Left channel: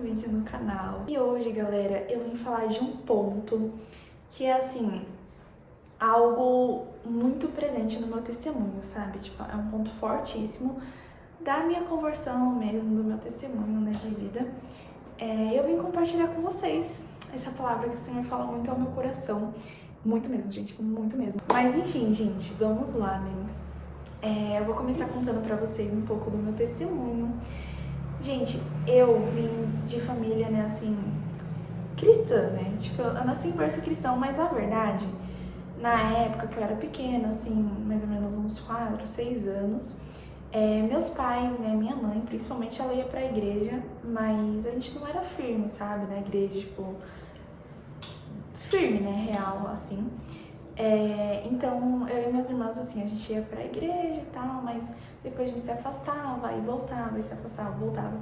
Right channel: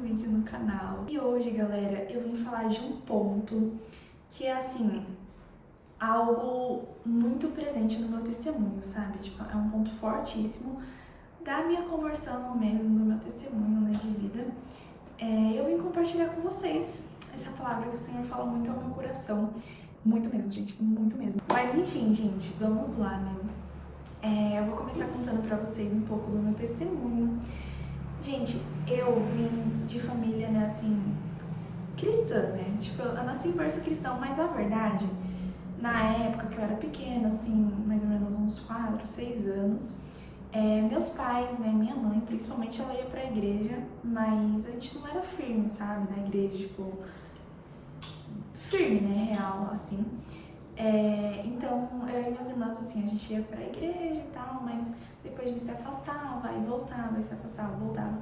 um vídeo no canal. E hoje, galera, eu vim falar de um ponto que é, assim, algo muito presente no meu testemunho, sabe? Tipo, é um ponto fortíssimo da minha conversão mesmo, do meu testemunho, né, de vida. Eu vim compartilhar com vocês essa palavra que o Senhor fala muito ao meu coração. Muito mesmo, gente, muito mesmo. Mas enfim, gente, vamos lá, né? Eu vou começar contando pra vocês um pouco do meu testemunho. Gente, eu vim de família, né, assim, cristã, né? Tipo, eu nasci em berço cristão, mas na verdade, na época que eu era pequena, assim, mais ou menos uns 4, 6 anos, meus pais, né, minha mãe, principalmente, ela ia pra igreja, mas a gente não era firme, sabe, na igreja, tipo, firme, né, real, assim. Então, eu e minhas irmãs, assim, a gente ia pra igreja e tal, mas depois a gente se afastava e voltava, e se afastava, voltava.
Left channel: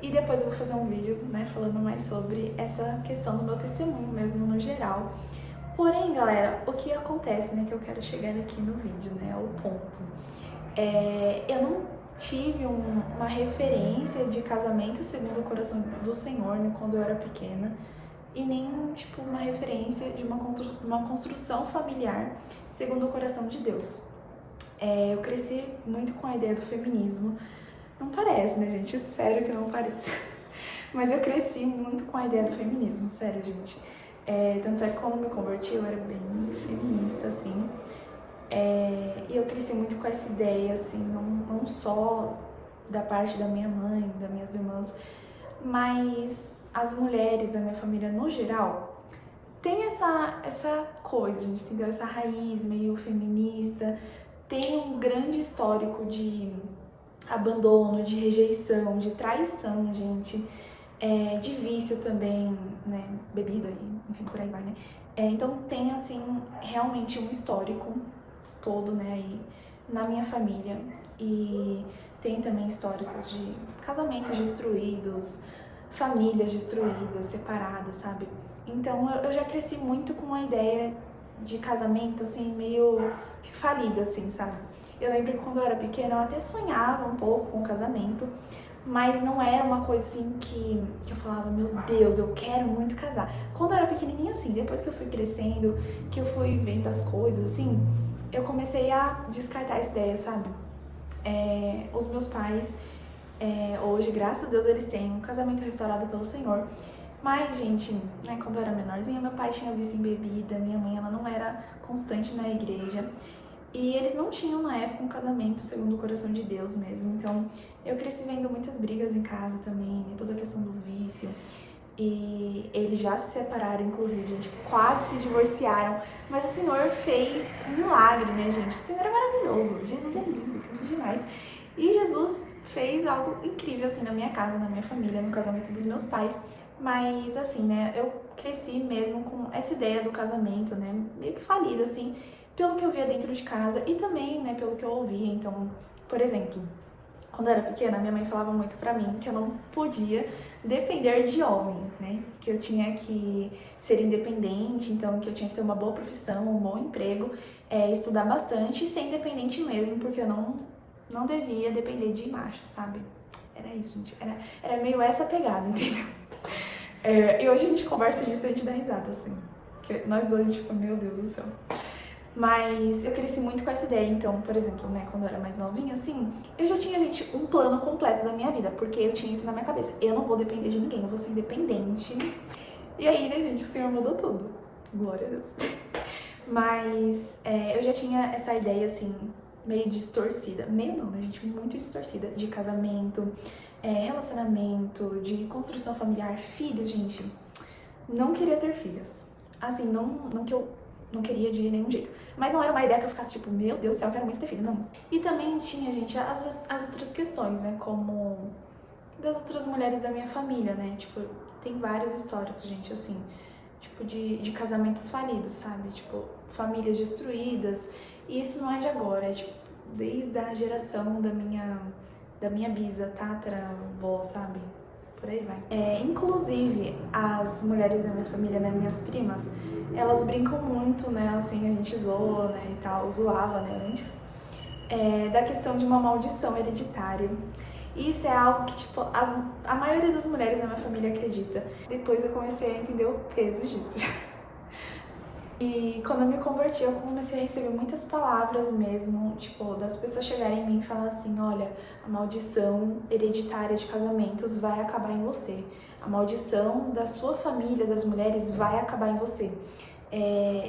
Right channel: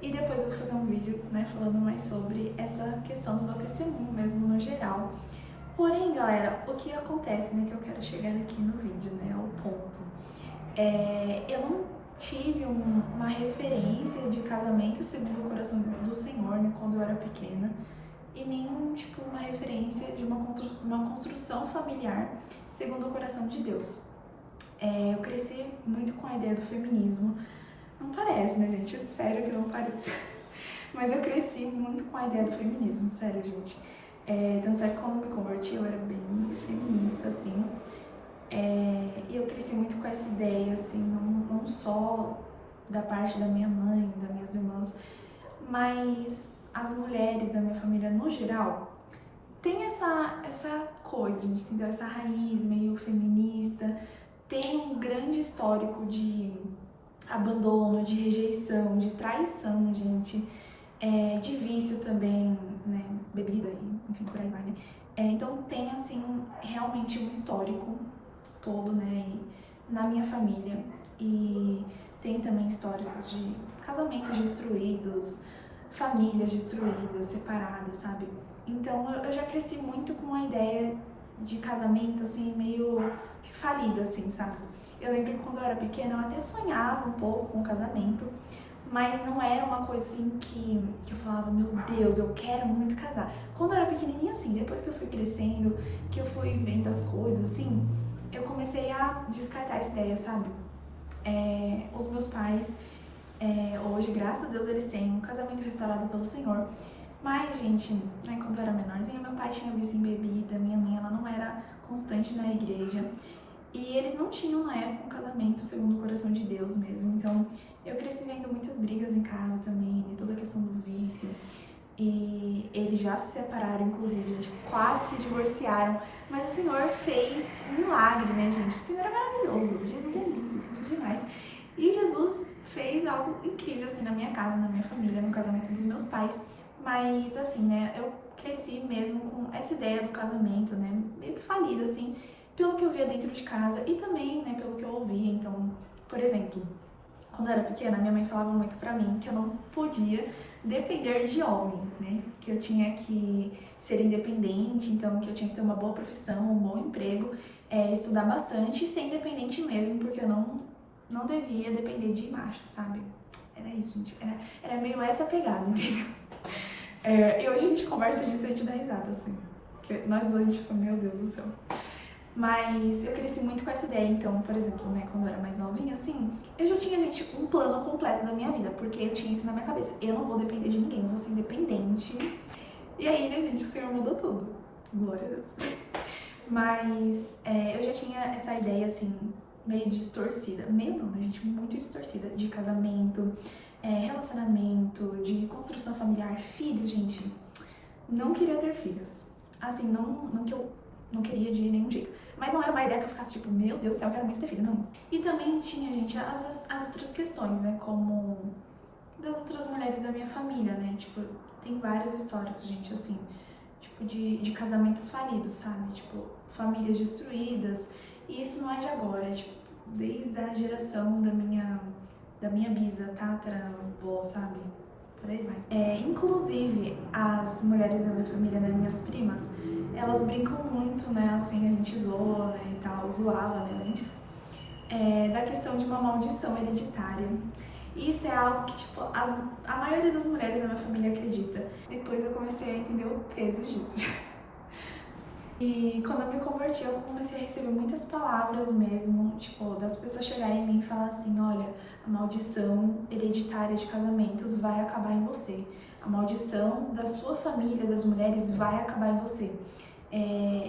E depois eu vou fazer um vídeo, né, falando mais sobre essa questão do meu testemunho mesmo, no geral. Porém, galera, o que acontece, né, que eu quero chegar aqui no vídeo, né, o ponto. Eu não tive uma referência de casamento segundo o coração do Senhor, né, quando eu era pequena. E nem, tipo, uma referência de uma construção familiar segundo o coração de Deus. Eu cresci muito com a ideia do feminismo. Não parece, né, gente? Espero que não pareça. Mas eu cresci muito com a ideia do feminismo, sério, gente. Tanto é que quando me converti, eu era bem feminista, assim. E eu cresci muito com essa ideia, assim, não só da parte da minha mãe, das minhas irmãs, mas as mulheres da minha família no geral tem essa coisa, gente, entendeu? Essa raiz meio feminista, tem um grande histórico de abandono, de rejeição, de traição, gente, de vício também, né, bebida e enfim, por aí vai, né? Então tem, assim, realmente um histórico todo, né, aí na minha família, e tem também históricos de casamentos destruídos, famílias destruídas, separadas, sabe? Então eu já cresci muito com a ideia de casamento, assim, meio falida, assim, sabe? Eu lembro que quando eu era pequena eu até sonhava um pouco com o casamento, mas não era uma coisa assim que eu falava, meu Deus, eu quero muito casar. Quando eu era pequenininha, assim, depois que eu fui crescendo, que eu fui vendo as coisas, assim, eu comecei a descartar essa ideia, sabe? Os meus pais, hoje, graças a Deus, eles têm um casamento restaurado pelo Senhor. Mas, gente, né, quando eu era menorzinha, meu pai tinha vício em bebida, minha mãe, ela não era constante na igreja. E eles não tinham, na época, um casamento segundo o coração de Deus mesmo. Então, eu cresci vendo muitas brigas em casa também, e toda a questão do vício. E eles já se separaram, inclusive, eles quase se divorciaram. Mas o Senhor fez um milagre, né, gente? O Senhor é maravilhoso, Jesus é lindo, tudo demais. E Jesus fez algo incrível, assim, na minha casa, na minha família, no casamento dos meus pais. Mas, assim, né, eu cresci mesmo com essa ideia do casamento, né, meio que falida, assim, pelo que eu via dentro de casa e também, né, pelo que eu ouvia. Então, por exemplo, quando eu era pequena, minha mãe falava muito pra mim que eu não podia depender de homem, né, que eu tinha que ser independente, então que eu tinha que ter uma boa profissão, um bom emprego, estudar bastante e ser independente mesmo, porque eu não devia depender de macho, sabe? Era isso, gente. Era meio essa pegada, entendeu? E hoje a gente conversa disso e a gente dá risada, assim. Porque nós dois, a gente fica, meu Deus do céu. Mas eu cresci muito com essa ideia, então, por exemplo, né, quando eu era mais novinha, assim, eu já tinha, gente, um plano completo da minha vida, porque eu tinha isso na minha cabeça. Eu não vou depender de ninguém, eu vou ser independente. E aí, né, gente, o Senhor mudou tudo. Glória a Deus. Mas eu já tinha essa ideia, assim, meio distorcida. Meio não, né, gente? Muito distorcida. De casamento, relacionamento, de construção familiar, filhos, gente. Não queria ter filhos. Assim, não que eu não queria de nenhum jeito. Mas não era uma ideia que eu ficasse tipo, meu Deus do céu, eu quero muito ter filho, não. E também tinha, gente, as outras questões, né? Como das outras mulheres da minha família, né? Tipo, tem vários históricos, gente, assim, tipo, de casamentos falidos, sabe? Tipo, famílias destruídas. E isso não é de agora, é tipo, desde a geração da minha bisa, tataravó, sabe? Por aí vai. Inclusive, as mulheres da minha família, né, minhas primas, elas brincam muito, né, assim, a gente zoa, né, e tal, zoava, né, antes, da questão de uma maldição hereditária. E isso é algo que, tipo, a maioria das mulheres na minha família acredita. Depois eu comecei a entender o peso disso. E quando eu me converti, eu comecei a receber muitas palavras mesmo, tipo, das pessoas chegarem em mim e falar assim, olha, a maldição hereditária de casamentos vai acabar em você. A maldição da sua família, das mulheres, vai acabar em você.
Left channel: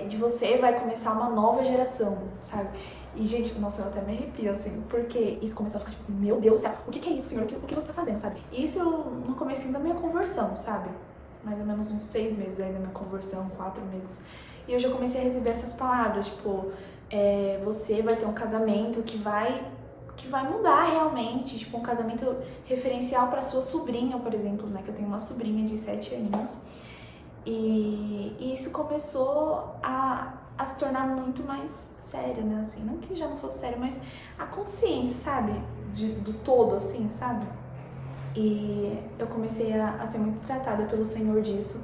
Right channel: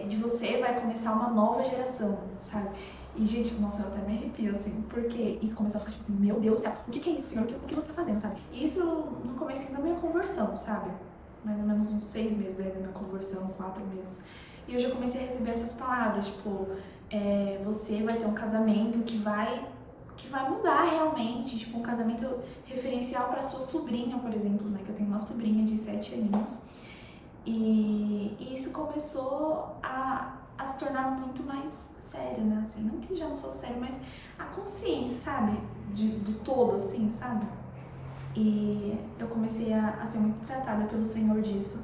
De você vai começar uma nova geração, sabe? E, gente, nossa, eu até me arrepio, assim, porque isso começou a ficar tipo assim, meu Deus do céu, o que é isso, Senhor? O que você tá fazendo, sabe? Isso no comecinho da minha conversão, sabe? Mais ou menos uns 6 meses aí da minha conversão, 4 meses. E eu já comecei a receber essas palavras, tipo, você vai ter um casamento que vai mudar realmente, tipo, um casamento referencial pra sua sobrinha, por exemplo, né? Que eu tenho uma sobrinha de 7 aninhos. E isso começou a se tornar muito mais sério, né, assim, não que já não fosse sério, mas a consciência, sabe, do todo, assim, sabe, e eu comecei a ser muito tratada pelo Senhor disso,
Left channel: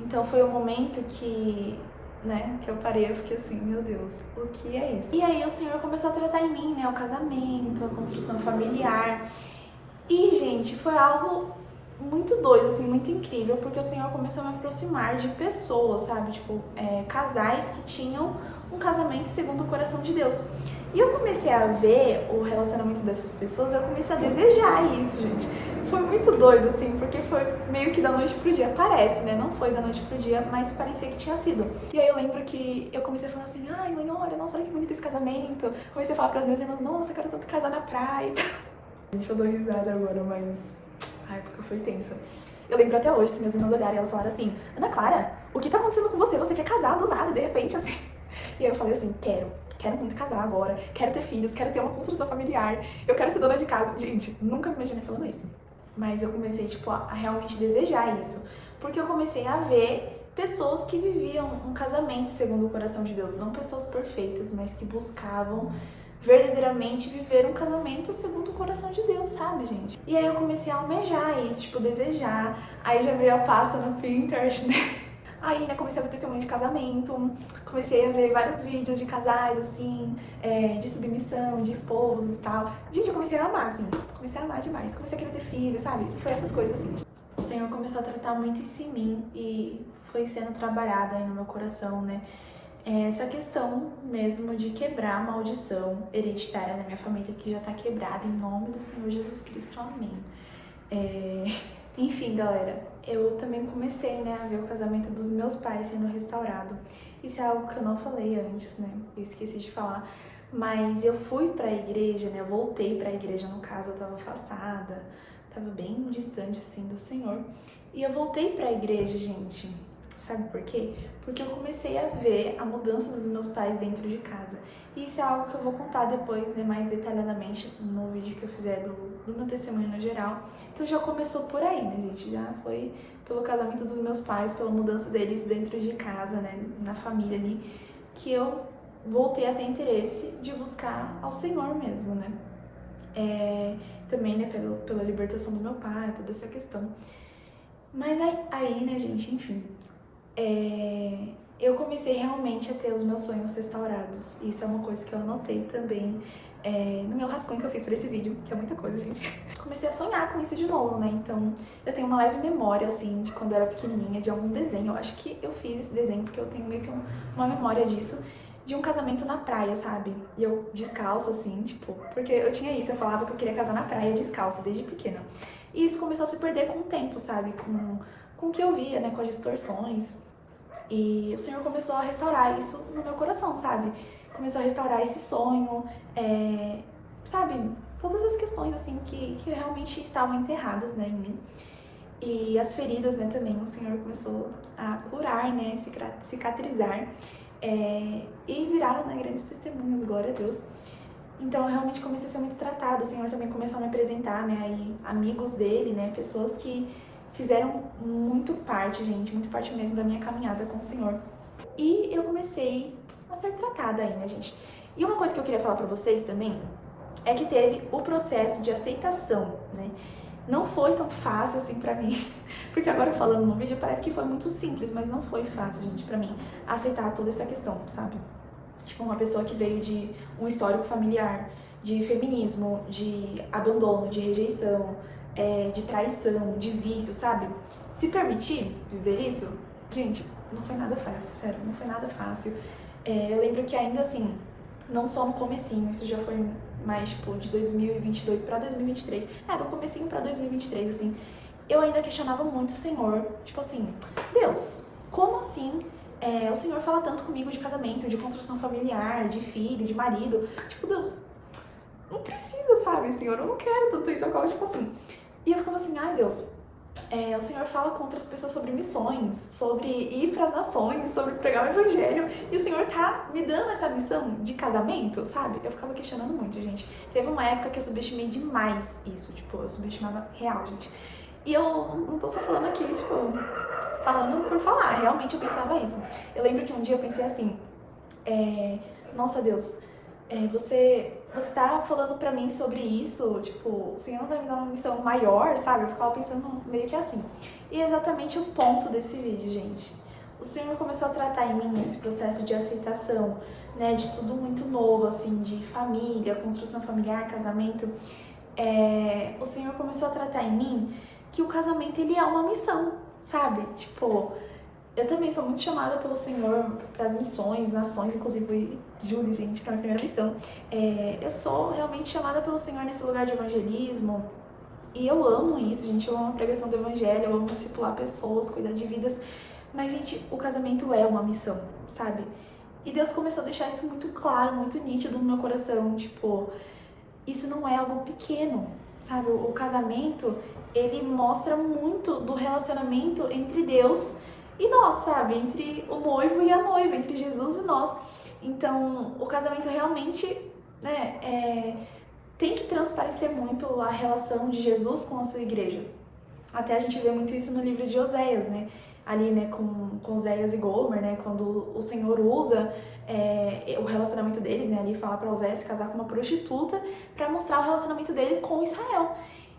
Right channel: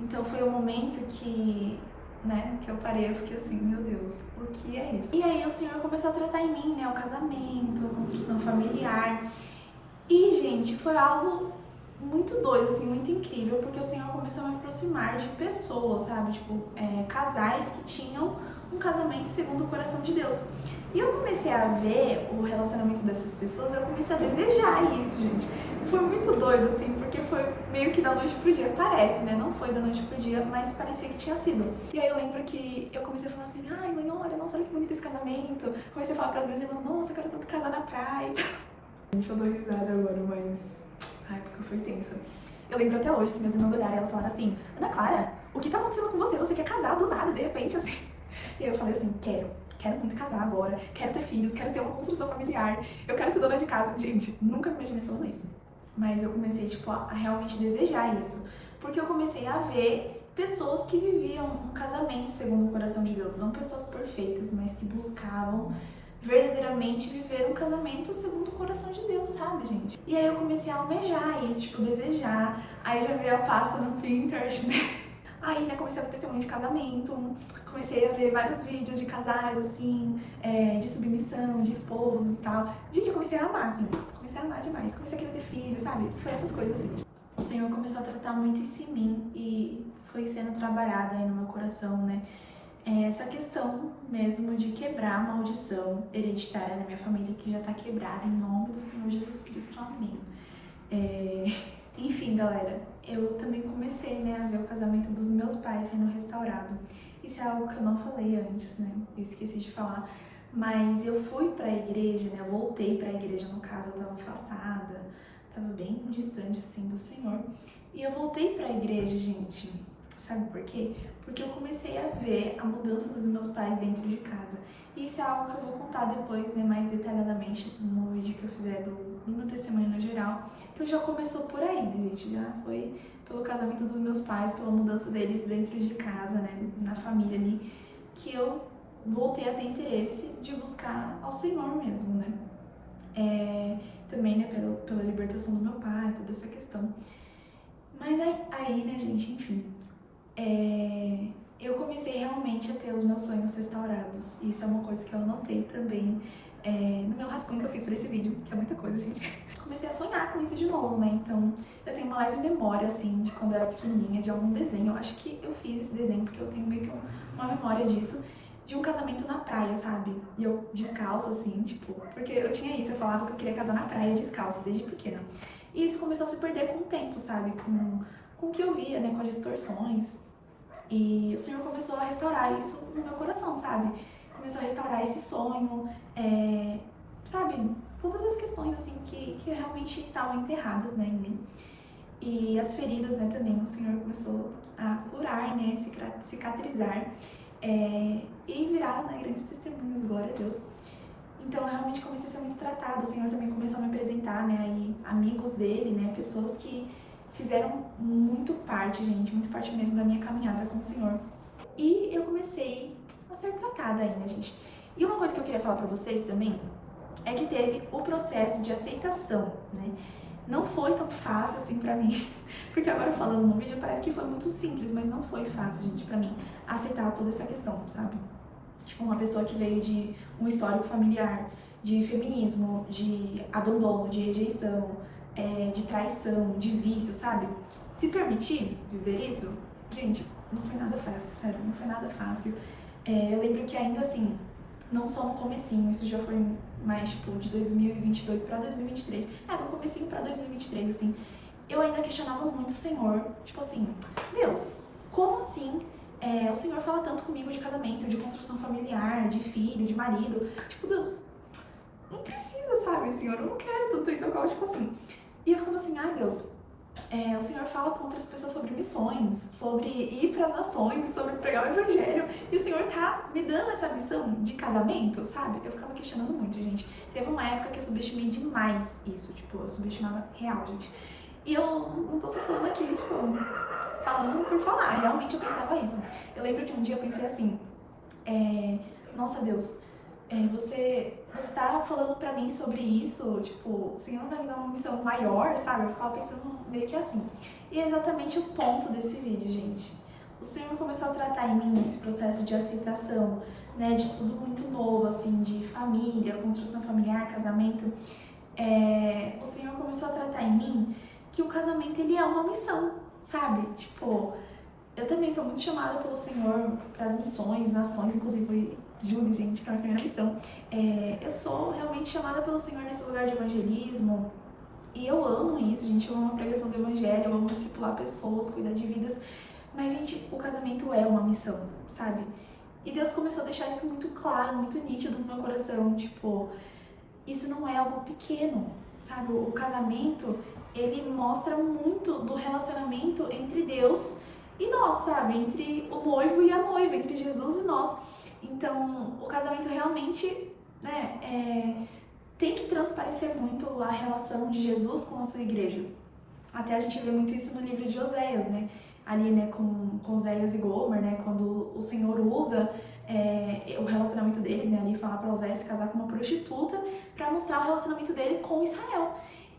então foi um momento que, né, que eu parei, eu fiquei assim, meu Deus, o que é isso? E aí o Senhor começou a tratar em mim, né, o casamento, a construção familiar, e, gente, foi algo muito doido, assim, muito incrível, porque o Senhor começou a me aproximar de pessoas, sabe, tipo, casais que tinham um casamento segundo o coração de Deus. E eu comecei a ver o relacionamento dessas pessoas, eu comecei a desejar isso, gente. Foi muito doido, assim, porque foi meio que da noite pro dia, parece, né, não foi da noite pro dia, mas parecia que tinha sido. E aí eu lembro que eu comecei a falar assim, ai mãe, olha, nossa, olha que bonito esse casamento. Comecei a falar pras minhas irmãs, nossa, eu quero tanto casar na praia. Gente, eu dou risada agora, mas a época foi tensa. Eu lembro até hoje que minhas irmãs olharam e elas falaram assim, Ana Clara, o que tá acontecendo com você? Você quer casar do nada, de repente, assim. E aí eu falei assim, quero muito casar agora, quero ter filhos, quero ter uma construção familiar, eu quero ser dona de casa. Gente, nunca me imaginei falando isso. Mas eu comecei, tipo, a realmente desejar isso. Porque eu comecei a ver pessoas que viviam um casamento segundo o coração de Deus. Não pessoas perfeitas, mas que buscavam verdadeiramente viver um casamento segundo o coração de Deus, sabe, gente? E aí eu comecei a almejar isso, tipo, desejar. Aí já veio a pasta no Pinterest, né? Aí, né, comecei a ver testemunho de casamento, comecei a ver vários vídeos de casais, assim, de submissão, de esposos e tal. Gente, eu comecei a amar, assim, comecei a amar demais, comecei a querer ter filho, sabe? Foi essas coisas, assim. O Senhor começou a tratar muito isso em mim e foi sendo trabalhado aí no meu coração, né? Essa questão mesmo de quebrar a maldição hereditária da minha família, que já tá quebrada em nome do Senhor Jesus Cristo, amém. Enfim, galera, eu também comecei, né, a ver o casamento dos meus pais sendo restaurado. Isso é algo que eu não falei antes, né, eu esqueci de falar, mas eu fui pra igreja, né, eu voltei pra igreja, no caso, eu tava afastada, tava bem distante, assim, do Senhor, e eu voltei pra igreja, gente, sabe por quê? Porque eu comecei a ver a mudança dos meus pais dentro de casa. E isso é algo que eu vou contar depois, né, mais detalhadamente no vídeo que eu fizer do meu testemunho no geral. Então já começou por aí, né, gente? Já foi pelo casamento dos meus pais, pela mudança deles dentro de casa, né, na família ali, que eu voltei a ter interesse de buscar ao Senhor mesmo, né? Também, né, pela libertação do meu pai, toda essa questão. Mas aí, né, gente, enfim, eu comecei realmente a ter os meus sonhos restaurados. Isso é uma coisa que eu anotei também no meu rascunho que eu fiz pra esse vídeo, que é muita coisa, gente. Comecei a sonhar com isso de novo, né? Então, eu tenho uma leve memória, assim, de quando eu era pequenininha, de algum desenho. Eu acho que eu fiz esse desenho porque eu tenho meio que uma memória disso, de um casamento na praia, sabe? E eu descalça, assim, tipo, porque eu tinha isso, eu falava que eu queria casar na praia descalça, desde pequena. E isso começou a se perder com o tempo, sabe? Com o que eu via, né? Com as distorções. E o Senhor começou a restaurar isso no meu coração, sabe? Começou a restaurar esse sonho, sabe? Todas as questões, assim, que realmente estavam enterradas, né, em mim. E as feridas, né, também, o Senhor começou a curar, né, cicatrizar. E viraram, né, grandes testemunhas, glória a Deus. Então, eu realmente comecei a ser muito tratada. O Senhor também começou a me apresentar, né, aí, amigos dele, né, pessoas que fizeram muito parte, gente, muito parte mesmo da minha caminhada com o Senhor. E eu comecei a ser tratada aí, né, gente. E uma coisa que eu queria falar pra vocês também é que teve o processo de aceitação, né? Não foi tão fácil assim pra mim, porque agora falando no vídeo parece que foi muito simples, mas não foi fácil, gente, pra mim aceitar toda essa questão, sabe? Tipo, uma pessoa que veio de um histórico familiar de feminismo, de abandono, de rejeição, de traição, de vício, sabe? Se permitir viver isso, gente, não foi nada fácil, sério, não foi nada fácil. Eu lembro que ainda assim, não só no comecinho, isso já foi mais, tipo, de 2022 pra 2023, do comecinho pra 2023, assim, eu ainda questionava muito o Senhor, tipo assim, Deus, como assim o Senhor fala tanto comigo de casamento, de construção familiar, de filho, de marido, tipo, Deus, não precisa, sabe, Senhor, eu não quero tanto isso, eu ficava tipo assim, e eu ficava assim, ai Deus, o Senhor fala com outras pessoas sobre missões, sobre ir para as nações, sobre pregar o evangelho, e o Senhor tá me dando essa missão de casamento, sabe? Eu ficava questionando muito, gente. Teve uma época que eu subestimei demais isso, tipo, eu subestimava real, gente. E eu não tô só falando aqui, tipo, falando por falar, realmente eu pensava isso. Eu lembro que um dia eu pensei assim, nossa Deus, você tá falando pra mim sobre isso, tipo, o Senhor vai me dar uma missão maior, sabe? Eu ficava pensando meio que assim. E é exatamente o ponto desse vídeo, gente. O Senhor começou a tratar em mim esse processo de aceitação, né, de tudo muito novo, assim, de família, construção familiar, casamento. O Senhor começou a tratar em mim que o casamento, ele é uma missão, sabe? Tipo, eu também sou muito chamada pelo Senhor para as missões, nações, inclusive Júlio, gente, que é a minha primeira missão. Eu sou realmente chamada pelo Senhor nesse lugar de evangelismo, e eu amo isso, gente, eu amo a pregação do evangelho, eu amo discipular pessoas, cuidar de vidas, mas, gente, o casamento é uma missão, sabe? E Deus começou a deixar isso muito claro, muito nítido no meu coração, tipo, isso não é algo pequeno, sabe? O casamento, ele mostra muito do relacionamento entre Deus e nós, sabe? Entre o noivo e a noiva, entre Jesus e nós. Então, o casamento realmente, né, tem que transparecer muito a relação de Jesus com a sua igreja. Até a gente vê muito isso no livro de Oséias, né? Ali, né, com Oséias e Gomer, né? Quando o Senhor usa o relacionamento deles, né? Ali fala para Oséias se casar com uma prostituta para mostrar o relacionamento dele com Israel.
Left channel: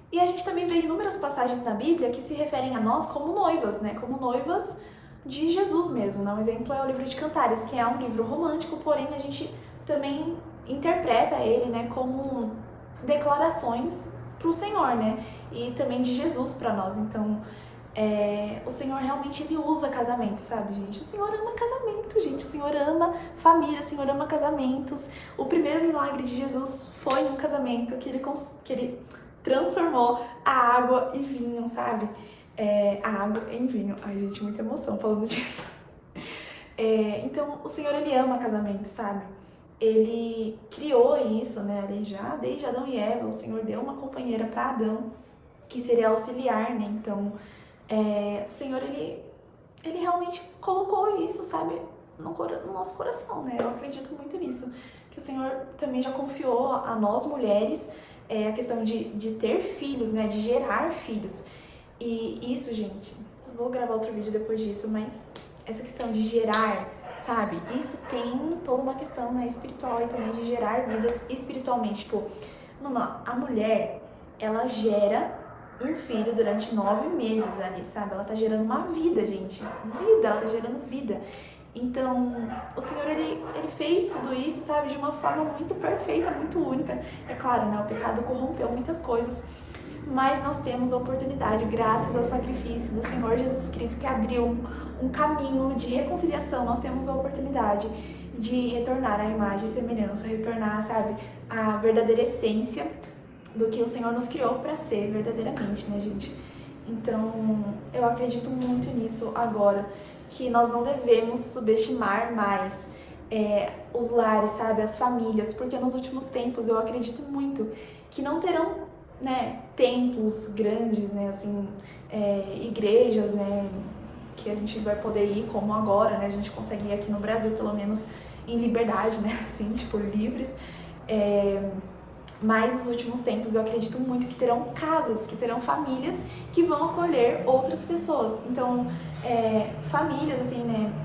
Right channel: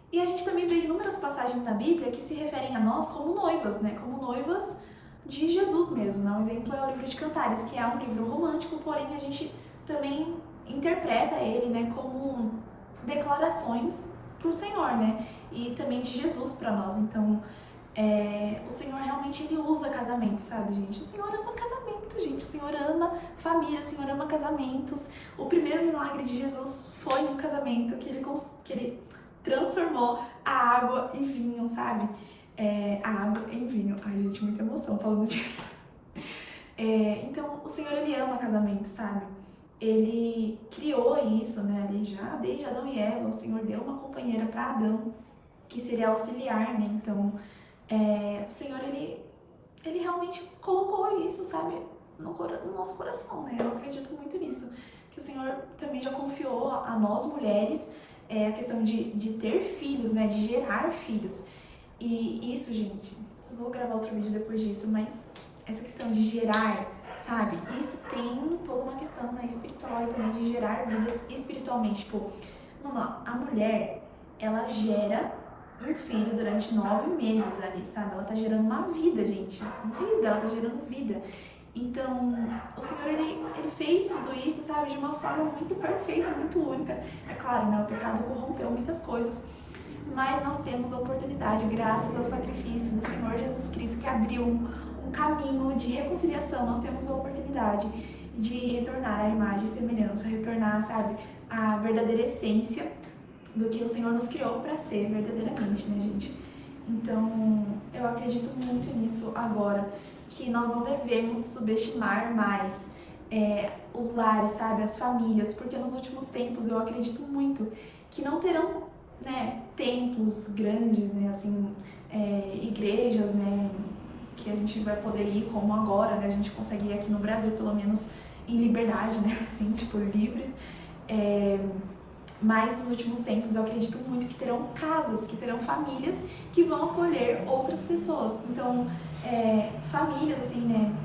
E a gente também vê inúmeras passagens na Bíblia que se referem a nós como noivas, né? Como noivas de Jesus mesmo, né? Um exemplo é o livro de Cantares, que é um livro romântico, porém a gente também interpreta ele, né, como declarações para o Senhor, né? E também de Jesus para nós. Então, o Senhor realmente, ele usa casamento, sabe, gente? O Senhor ama casamento, gente. O Senhor ama família, o Senhor ama casamentos. O primeiro milagre de Jesus foi um casamento que ele transformou a água em vinho, sabe? A água em vinho. Ai, gente, muita emoção falando disso. Então, o Senhor, ele ama casamento, sabe? Ele criou isso, né? Desde Adão e Eva, o Senhor deu uma companheira para Adão, que seria auxiliar, né? Então, o Senhor, ele realmente colocou isso, sabe? No nosso coração, né? Eu acredito muito nisso. Que o Senhor também já confiou a nós, mulheres, a questão de ter filhos, né? De gerar filhos. E isso, gente, eu vou gravar outro vídeo depois disso, mas essa questão de gerar, sabe? Isso tem toda uma questão, né, espiritual e também de gerar vidas espiritualmente. Tipo, a mulher, ela gera um filho durante 9 meses ali, sabe? Ela tá gerando uma vida, gente. Vida, ela tá gerando vida. Então, o Senhor, ele fez tudo isso, sabe? De uma forma muito perfeita, muito única. É claro, né? O pecado corrompeu muitas coisas. Mas nós temos a oportunidade, graças ao sacrifício do Senhor Jesus Cristo, que abriu um caminho de reconciliação. Nós temos a oportunidade de retornar à imagem e semelhança, retornar, sabe, à verdadeira essência do que o Senhor nos criou para ser verdadeiramente, né, gente? Então, eu acredito muito nisso agora, que nós não devemos subestimar mais os lares, sabe, as famílias, porque nos últimos tempos eu acredito muito que não terão, né, templos grandes, né, assim, igrejas, né, que a gente vai poder ir como agora, né, a gente consegue ir aqui no Brasil, pelo menos em liberdade, né, assim, tipo, livres, mas nos últimos tempos eu acredito muito que terão casas, que terão famílias que vão acolher outras pessoas, então, famílias, assim, né,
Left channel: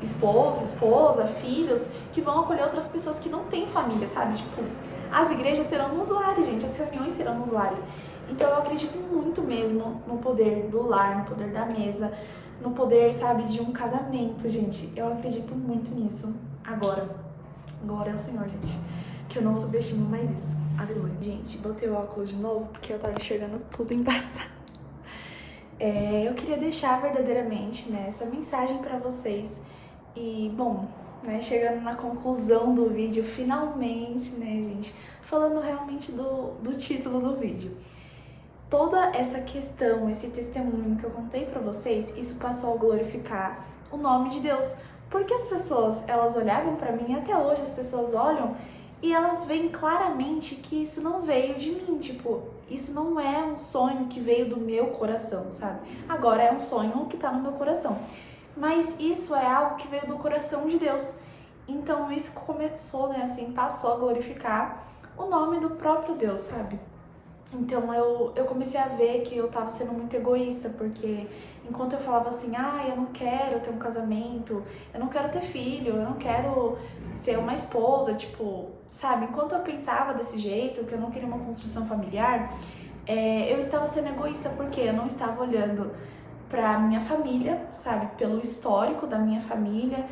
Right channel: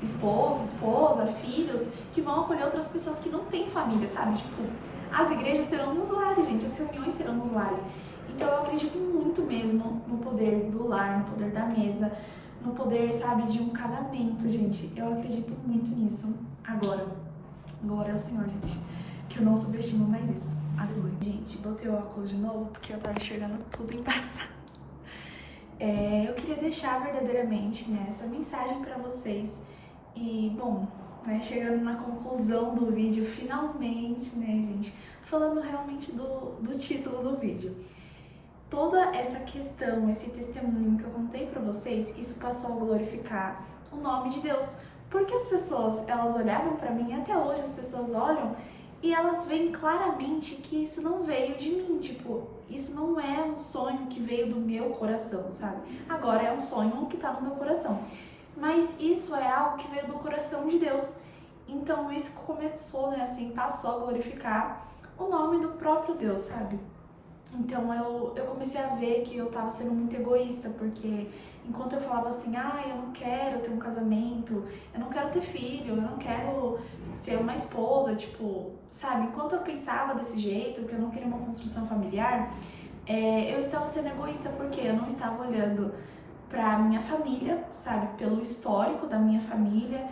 esposo, esposa, filhos, que vão acolher outras pessoas que não têm família, sabe, tipo, as igrejas serão nos lares, gente, as reuniões serão nos lares. Então eu acredito muito mesmo no poder do lar, no poder da mesa, no poder, sabe, de um casamento, gente. Eu acredito muito nisso. Agora, glória ao Senhor, gente. que eu não subestimo mais isso. Aleluia. Gente, botei o óculos de novo porque eu tava enxergando tudo embaçado. Eu queria deixar verdadeiramente, né, essa mensagem pra vocês. E, bom, né, chegando na conclusão do vídeo, finalmente, né, gente, falando realmente do título do vídeo. Toda essa questão, esse testemunho que eu contei pra vocês, isso passou a glorificar o nome de Deus. Porque as pessoas, elas olhavam pra mim, até hoje as pessoas olham, e elas veem claramente que isso não veio de mim, tipo, isso não é um sonho que veio do meu coração, sabe? Agora é um sonho que tá no meu coração. Mas isso é algo que veio do coração de Deus. Então isso começou, né, assim, passou a glorificar o nome do próprio Deus, sabe? Então eu comecei a ver que eu tava sendo muito egoísta, porque enquanto eu falava assim, eu não quero ter um casamento, eu não quero ter filho, eu não quero ser uma esposa, tipo, sabe? Enquanto eu pensava desse jeito, que eu não queria uma construção familiar, eu estava sendo egoísta, porque eu não estava olhando pra minha família, sabe? Pelo histórico da minha família,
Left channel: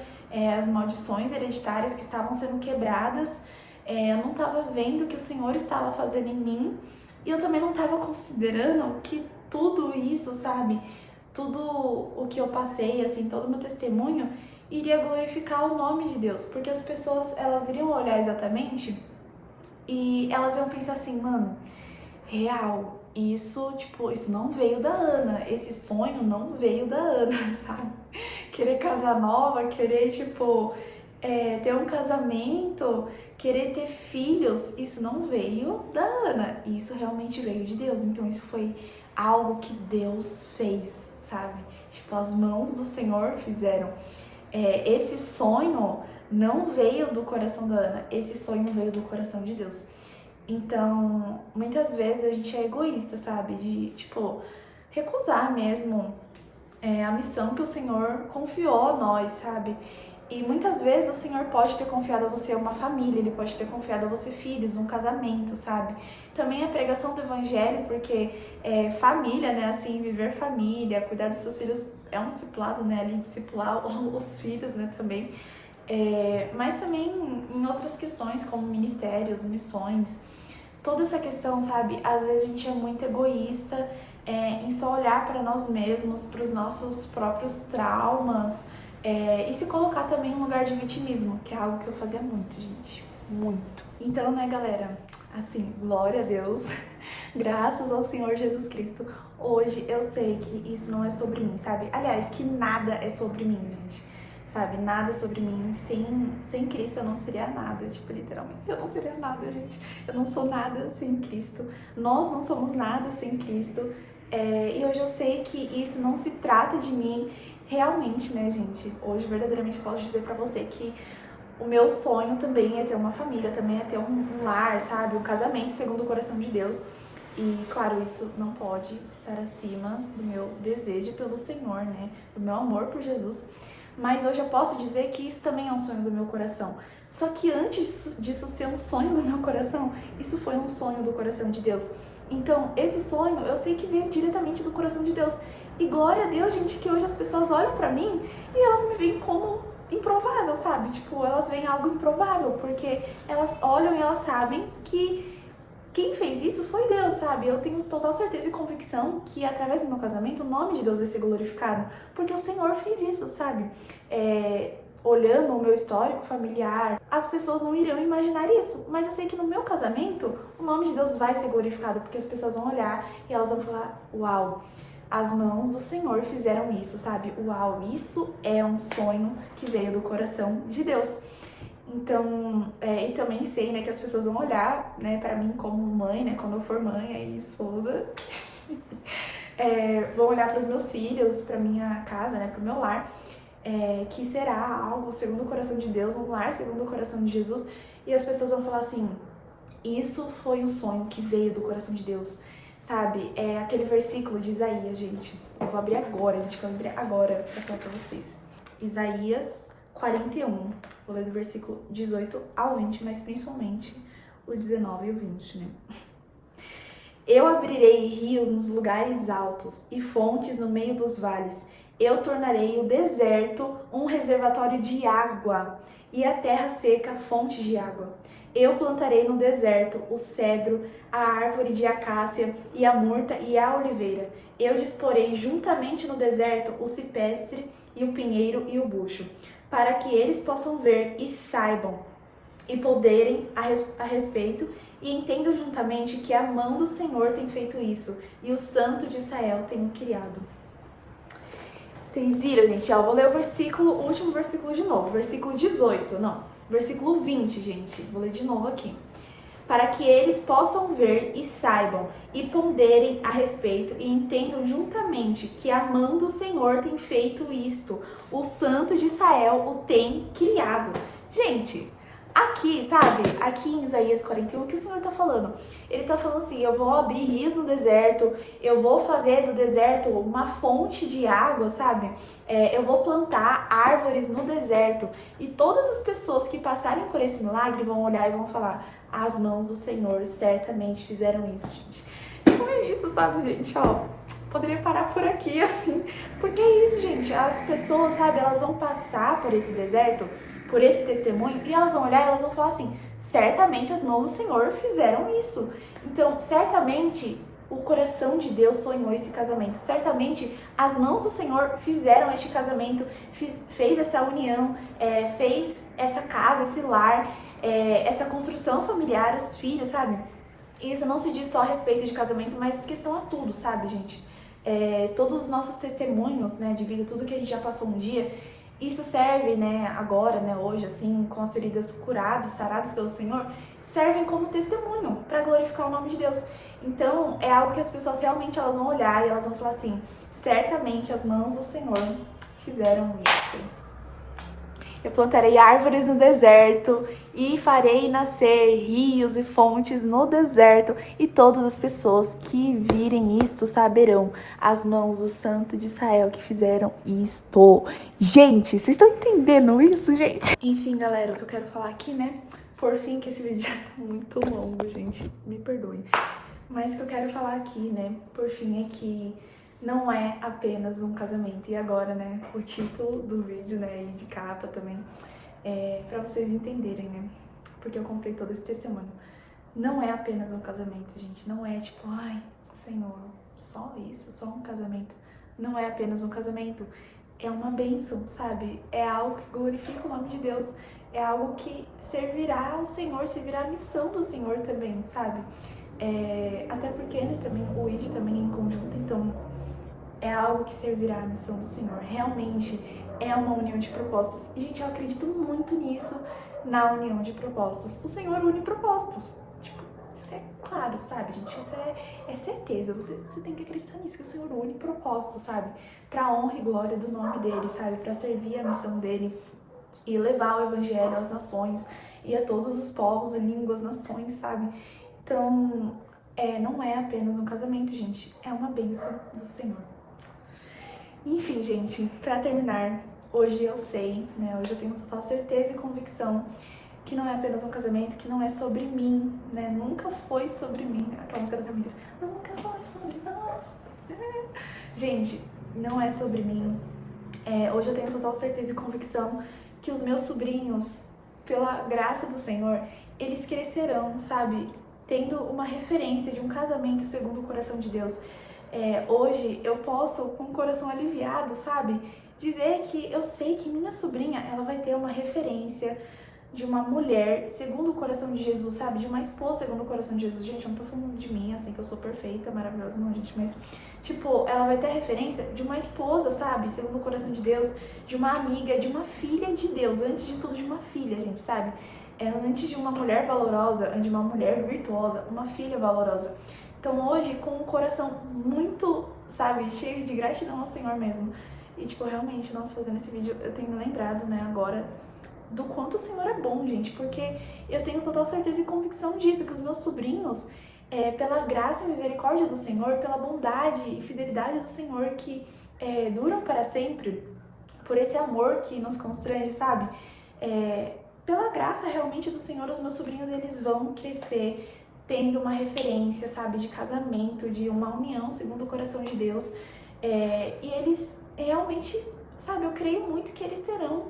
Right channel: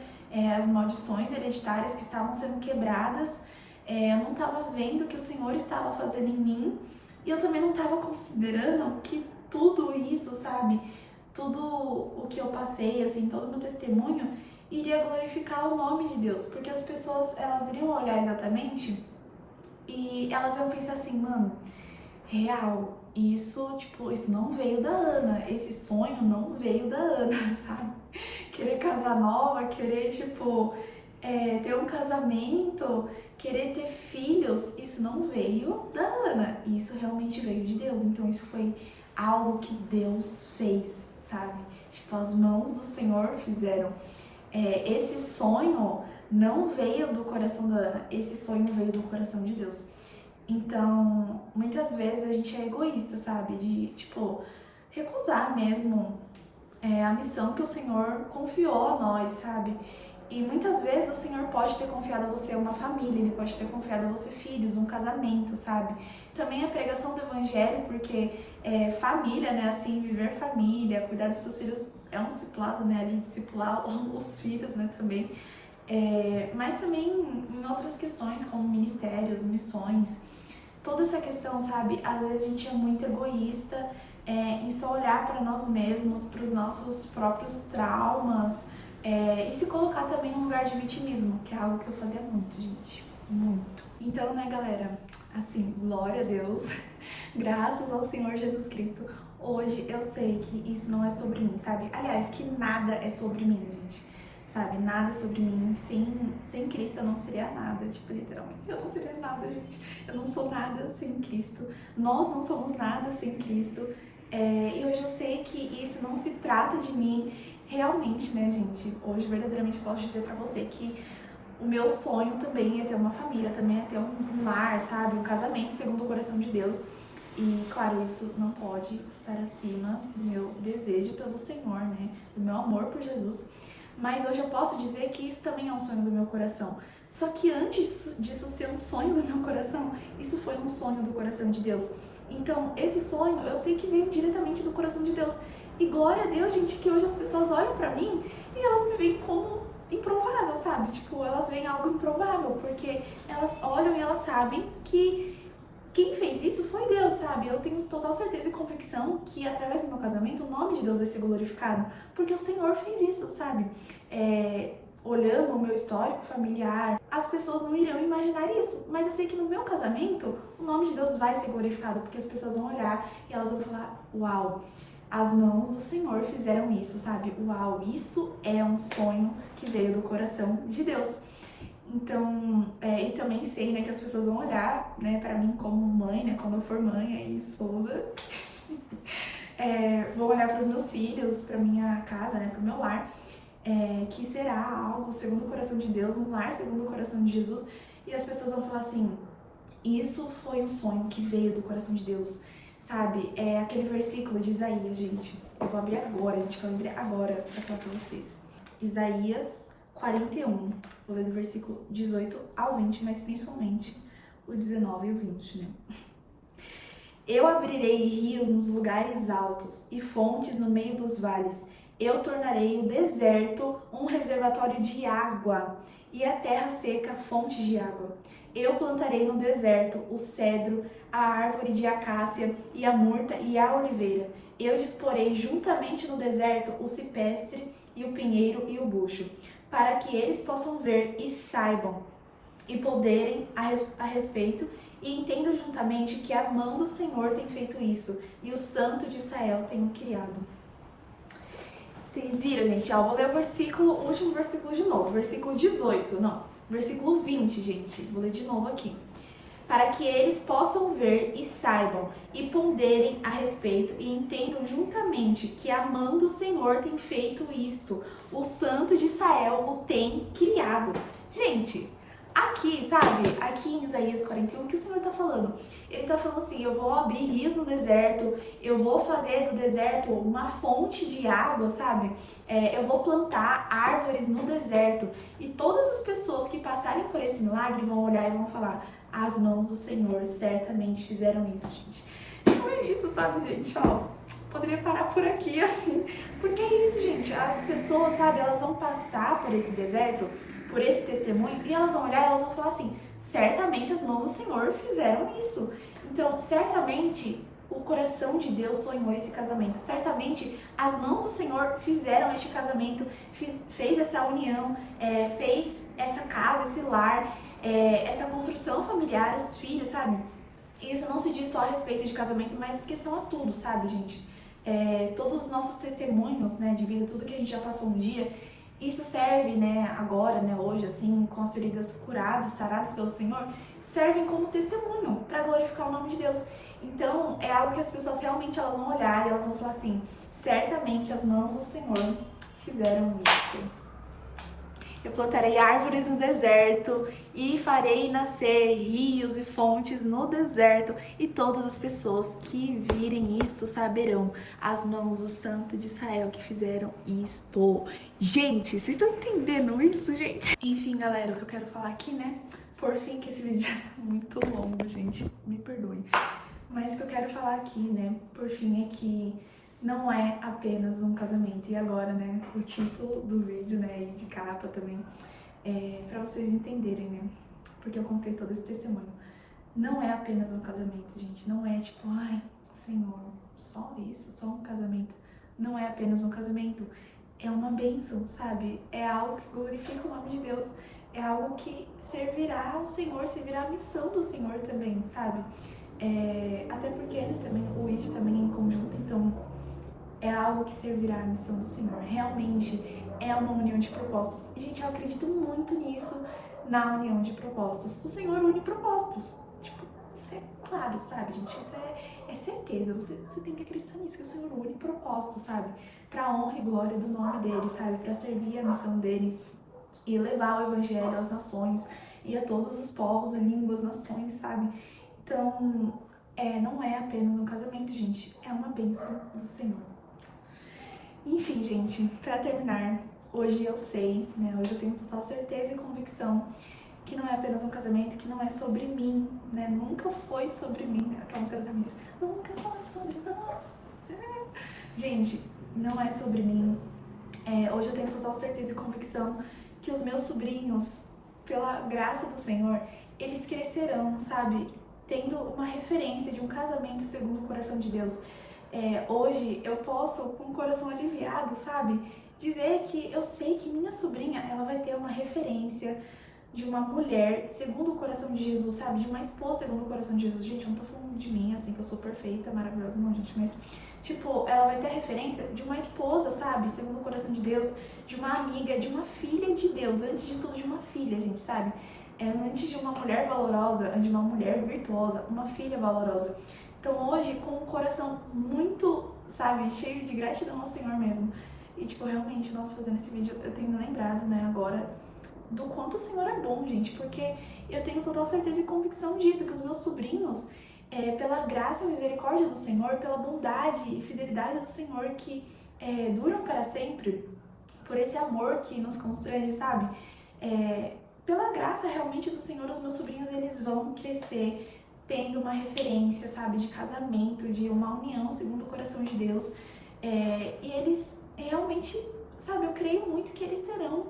as maldições hereditárias que estavam sendo quebradas, eu não estava vendo o que o Senhor estava fazendo em mim, e eu também não estava considerando que tudo isso, sabe? Tudo o que eu passei, assim, todo o meu testemunho, iria glorificar o nome de Deus. Porque as pessoas, elas iriam olhar exatamente e elas iam pensar assim, mano, real, isso, tipo, isso não veio da Ana. Esse sonho não veio da Ana, sabe? Querer casar nova, querer, tipo, ter um casamento, querer ter filhos, isso não veio da Ana, isso realmente veio de Deus. Então isso foi algo que Deus fez, sabe? Tipo, as mãos do Senhor fizeram. Esse sonho não veio do coração da Ana, esse sonho veio do coração de Deus. Então, muitas vezes a gente é egoísta, sabe? De, tipo, recusar mesmo a missão que o Senhor confiou a nós, sabe? E muitas vezes o Senhor pode ter confiado a você uma família, Ele pode ter confiado a você filhos, um casamento, sabe? Também a pregação do Evangelho, porque família, né, assim, viver família, cuidar dos seus filhos é um discipulado, né, ali, discipular os filhos, né, também. Mas também em outras questões, como ministérios, missões, toda essa questão, sabe? Às vezes a gente é muito egoísta em só olhar para nós mesmos, para os nossos próprios traumas, e se colocar também em um lugar de vitimismo, que é algo que eu fazia muito, gente. Muito. Então, né, galera? Assim, glória a Deus. Graças ao Senhor Jesus Cristo. Hoje eu sei que isso não é sobre mim, sabe? Aliás, que nada é sobre mim, gente. Sabe? Nada sobre mim. Sem Cristo eu não seria nada. Tipo, literalmente, eu não seria nada, gente. Eu não sou nada sem Cristo. Nós não somos nada sem Cristo. E hoje eu sei que isso não se trata de mim. Realmente, né, gente? Hoje, verdadeiramente, posso dizer pra você que o meu sonho também é ter uma família, também é ter um lar, sabe? Um casamento segundo o coração de Deus. E, claro, isso não pode estar acima do meu desejo pelo Senhor, né? Do meu amor por Jesus. Mas hoje eu posso dizer que isso também é um sonho do meu coração. Só que antes disso ser um sonho do meu coração, isso foi um sonho do coração de Deus. Então, esse sonho, eu sei que veio diretamente do coração de Deus. E glória a Deus, gente, que hoje as pessoas olham pra mim e elas me veem como improvável, sabe? Tipo, elas veem algo improvável, porque elas olham e elas sabem que quem fez isso foi Deus, sabe? Eu tenho total certeza e convicção que através do meu casamento o nome de Deus vai ser glorificado, porque o Senhor fez isso, sabe? Olhando o meu histórico familiar, as pessoas não irão imaginar isso, mas eu sei que no meu casamento o nome de Deus vai ser glorificado, porque as pessoas vão olhar e elas vão falar, uau, as mãos do Senhor fizeram isso, sabe? Uau, isso é um sonho que veio do coração de Deus. Então, e também sei, né, que as pessoas vão olhar, né, pra mim como mãe, né, quando eu for mãe, aí esposa, vão olhar pros meus filhos, pra minha casa, né, pro meu lar, que será algo segundo o coração de Deus, um lar segundo o coração de Jesus, e as pessoas vão falar assim, isso foi um sonho que veio do coração de Deus, sabe? É aquele versículo de Isaías, gente, eu vou abrir agora, gente, que eu lembrei agora pra falar pra vocês. Isaías 41, vou ler do versículo 18 ao 20, mas principalmente o 19 e o 20, né? Eu abrirei rios nos lugares altos e fontes no meio dos vales. Eu tornarei o deserto um reservatório de água e a terra seca fonte de água. Eu plantarei no deserto o cedro, a árvore de acácia e a murta e a oliveira. Eu disporei juntamente no deserto o cipestre e o pinheiro e o bucho, para que eles possam ver e saibam e ponderem a respeito e entendam juntamente que a mão do Senhor tem feito isso e o Santo de Israel tem o criado. Vocês viram, gente? Ó, vou ler o último versículo de novo. Versículo 18, não. Versículo 20, gente. Vou ler de novo aqui. Para que eles possam ver e saibam e ponderem a respeito e entendam juntamente que a mão do Senhor tem feito isto. O Santo de Israel o tem criado. Gente, aqui, sabe? Aqui em Isaías 41, o que o Senhor tá falando? Ele tá falando assim, eu vou abrir rios no deserto, eu vou fazer do deserto uma fonte de água, sabe? Eu vou plantar árvores no deserto. E todas as pessoas que passarem por esse milagre vão olhar e vão falar, as mãos do Senhor certamente fizeram isso, gente. Então é isso, sabe, gente? Ó, poderia parar por aqui, assim. Porque é isso, gente. As pessoas, sabe, elas vão passar por esse deserto, por esse testemunho, e elas vão olhar e elas vão falar assim, certamente as mãos do Senhor fizeram isso. Então, certamente o coração de Deus sonhou esse casamento. Certamente as mãos do Senhor fizeram este casamento, fez essa união, fez essa casa, esse lar, essa construção familiar, os filhos, sabe? E isso não se diz só a respeito de casamento, mas questão a tudo, sabe, gente? Todos os nossos testemunhos, né, de vida, tudo que a gente já passou um dia, isso serve, né, agora, né, hoje, assim, com as feridas curadas, saradas pelo Senhor, servem como testemunho para glorificar o nome de Deus. Então, é algo que as pessoas realmente elas vão olhar e elas vão falar assim, certamente as mãos do Senhor fizeram isso. Eu plantarei árvores no deserto e farei nascer rios e fontes no deserto, e todas as pessoas que virem isto saberão as mãos do Santo de Israel que fizeram isto. Gente, vocês estão entendendo isso, gente? Enfim, galera, o que eu quero falar aqui, né? Por fim, que esse vídeo já tá muito longo, gente, me perdoem. Mas o que eu quero falar aqui, né, por fim, é que não é apenas um casamento. E agora, né, o título do vídeo, né, e de capa também, pra vocês entenderem, né, porque eu contei todo esse testemunho. Não é apenas um casamento, gente. Não é tipo, ai, Senhor, só isso, só um casamento. Não é apenas um casamento. É uma bênção, sabe? É algo que glorifica o nome de Deus. É algo que servirá ao Senhor, servirá à missão do Senhor também, sabe? Até porque, né, também, o ID também é em conjunto, então é algo que servirá à missão do Senhor. Realmente é uma união de propósitos. E, gente, eu acredito muito nisso, na união de propósitos. O Senhor une propósitos. Tipo, isso é claro, sabe, gente? Isso é certeza. Você tem que acreditar nisso, que o Senhor une propósitos, sabe? Pra honra e glória do nome dele, sabe? Pra servir a missão dele e levar o evangelho às nações e a todos os povos e línguas, nações, sabe? Então, não é apenas um casamento, gente. É uma bênção do Senhor. Enfim, gente, pra terminar, hoje eu sei, né? Hoje eu tenho total certeza e convicção que não é apenas um casamento, que não é sobre mim, né? Nunca foi sobre mim. Aquela música da Camila. Nunca foi sobre nós. Gente, não é sobre mim. Hoje eu tenho total certeza e convicção que os meus sobrinhos, pela graça do Senhor, eles crescerão, sabe? Tendo uma referência de um casamento segundo o coração de Deus. Hoje eu posso, com o coração aliviado, sabe? Dizer que eu sei que minha sobrinha, ela vai ter uma referência de uma mulher segundo o coração de Jesus, sabe? De uma esposa segundo o coração de Jesus. Gente, eu não tô falando de mim, assim, que eu sou perfeita, maravilhosa, não, gente. Mas, tipo, ela vai ter referência de uma esposa, sabe? Segundo o coração de Deus, de uma amiga, de uma filha de Deus. Antes de tudo, de uma filha, gente, sabe? Antes de uma mulher valorosa, de uma mulher virtuosa, uma filha valorosa. Então hoje, com um coração muito, sabe, cheio de gratidão ao Senhor mesmo. E tipo, realmente, nossa, fazendo esse vídeo, eu tenho me lembrado, né, agora, do quanto o Senhor é bom, gente. Porque eu tenho total certeza e convicção disso, que os meus sobrinhos, pela graça e misericórdia do Senhor, pela bondade e fidelidade do Senhor, que duram para sempre, por esse amor que nos constrange, sabe? Pela graça realmente do Senhor, os meus sobrinhos, eles vão crescer tendo uma referência, sabe, de casamento, de uma união segundo o coração de Deus. E eles realmente, sabe, eu creio muito que eles terão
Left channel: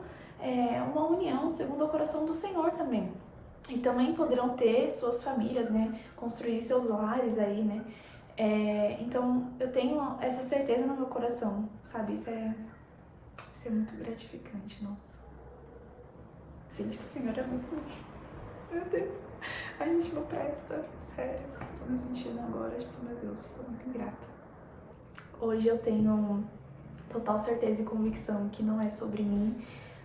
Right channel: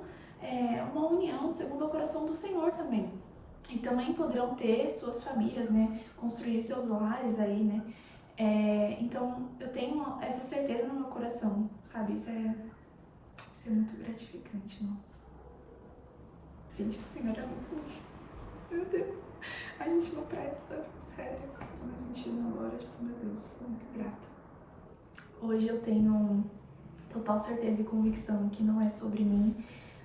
uma união segundo o coração do Senhor também. e também poderão ter suas famílias, né? Construir seus lares aí, né? Então eu tenho essa certeza no meu coração, sabe? Isso é muito gratificante, nossa. Gente, o Senhor é muito bom. Meu Deus, a gente não presta, sério. Tô me sentindo agora, tipo, meu Deus, sou muito grata. Hoje eu tenho total certeza e convicção que não é sobre mim,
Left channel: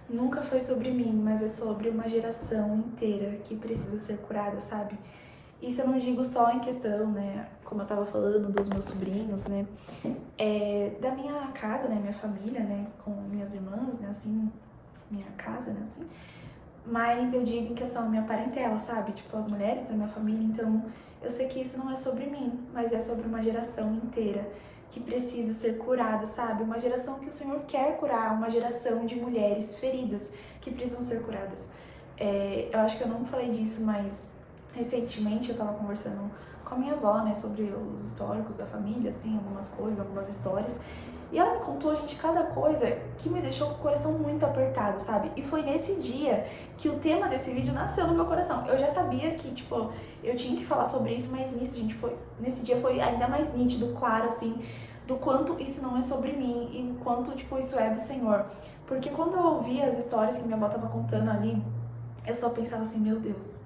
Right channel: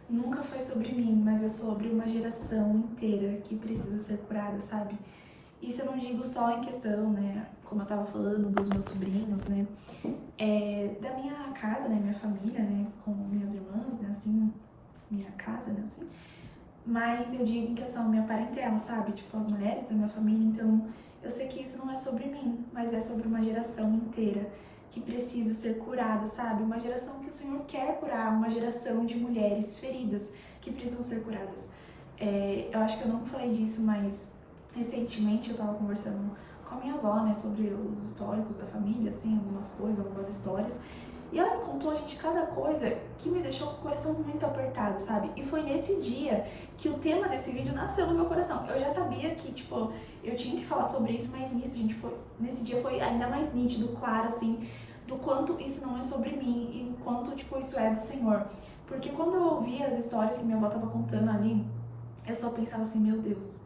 nunca foi sobre mim, mas é sobre uma geração inteira que precisa ser curada, sabe? Isso eu não digo só em questão, né, como eu tava falando dos meus sobrinhos, né, da minha casa, né, minha família, né, com minhas irmãs, né, assim, minha casa, né, assim, mas eu digo em questão minha parentela, sabe, tipo, as mulheres da minha família. Então eu sei que isso não é sobre mim, mas é sobre uma geração inteira que precisa ser curada, sabe, uma geração que o Senhor quer curar, uma geração de mulheres feridas que precisam ser curadas. Eu acho que eu não falei disso, mas recentemente eu tava conversando com a minha avó, né, sobre os históricos da família, assim, algumas coisas, algumas histórias. E ela me contou, gente, cada coisa que me deixou com o coração muito apertado, sabe? E foi nesse dia que o tema desse vídeo nasceu no meu coração. Eu já sabia que, tipo, eu tinha que falar sobre isso, mas nesse dia foi ainda mais nítido, claro, assim, do quanto isso não é sobre mim e o quanto, tipo, isso é do Senhor. Porque quando eu ouvia as histórias que minha avó tava contando ali, eu só pensava assim, meu Deus,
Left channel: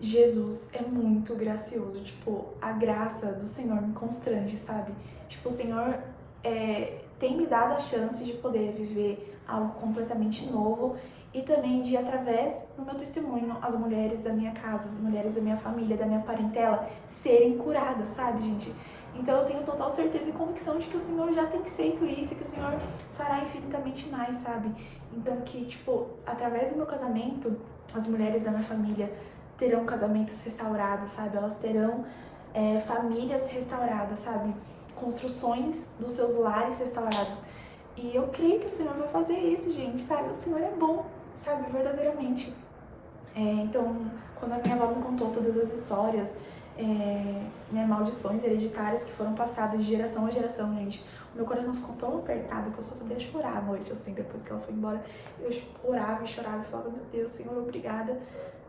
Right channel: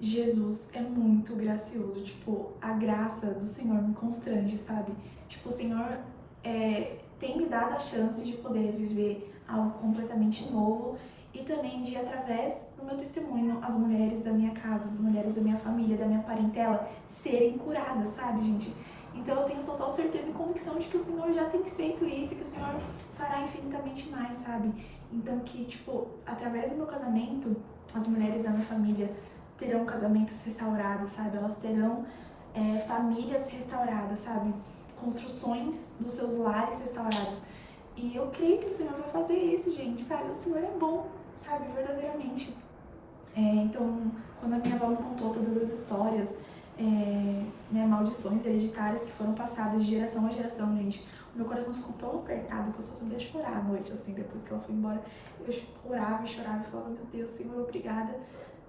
Jesus é muito gracioso, tipo, a graça do Senhor me constrange, sabe? Tipo, o Senhor tem me dado a chance de poder viver algo completamente novo e também de, através do meu testemunho, as mulheres da minha casa, as mulheres da minha família, da minha parentela, serem curadas, sabe, gente? Então eu tenho total certeza e convicção de que o Senhor já tem feito isso e que o Senhor fará infinitamente mais, sabe? Então que, tipo, através do meu casamento, as mulheres da minha família terão casamentos restaurados, sabe? Elas terão famílias restauradas, sabe? Construções dos seus lares restaurados. E eu creio que o Senhor vai fazer isso, gente, sabe? O Senhor é bom, sabe? Verdadeiramente. Então, quando a minha avó me contou todas as histórias, né, maldições hereditárias que foram passadas de geração a geração, gente, o meu coração ficou tão apertado que eu só sabia chorar à noite, assim, depois que ela foi embora. Eu orava e chorava e falava, meu Deus, Senhor, obrigada,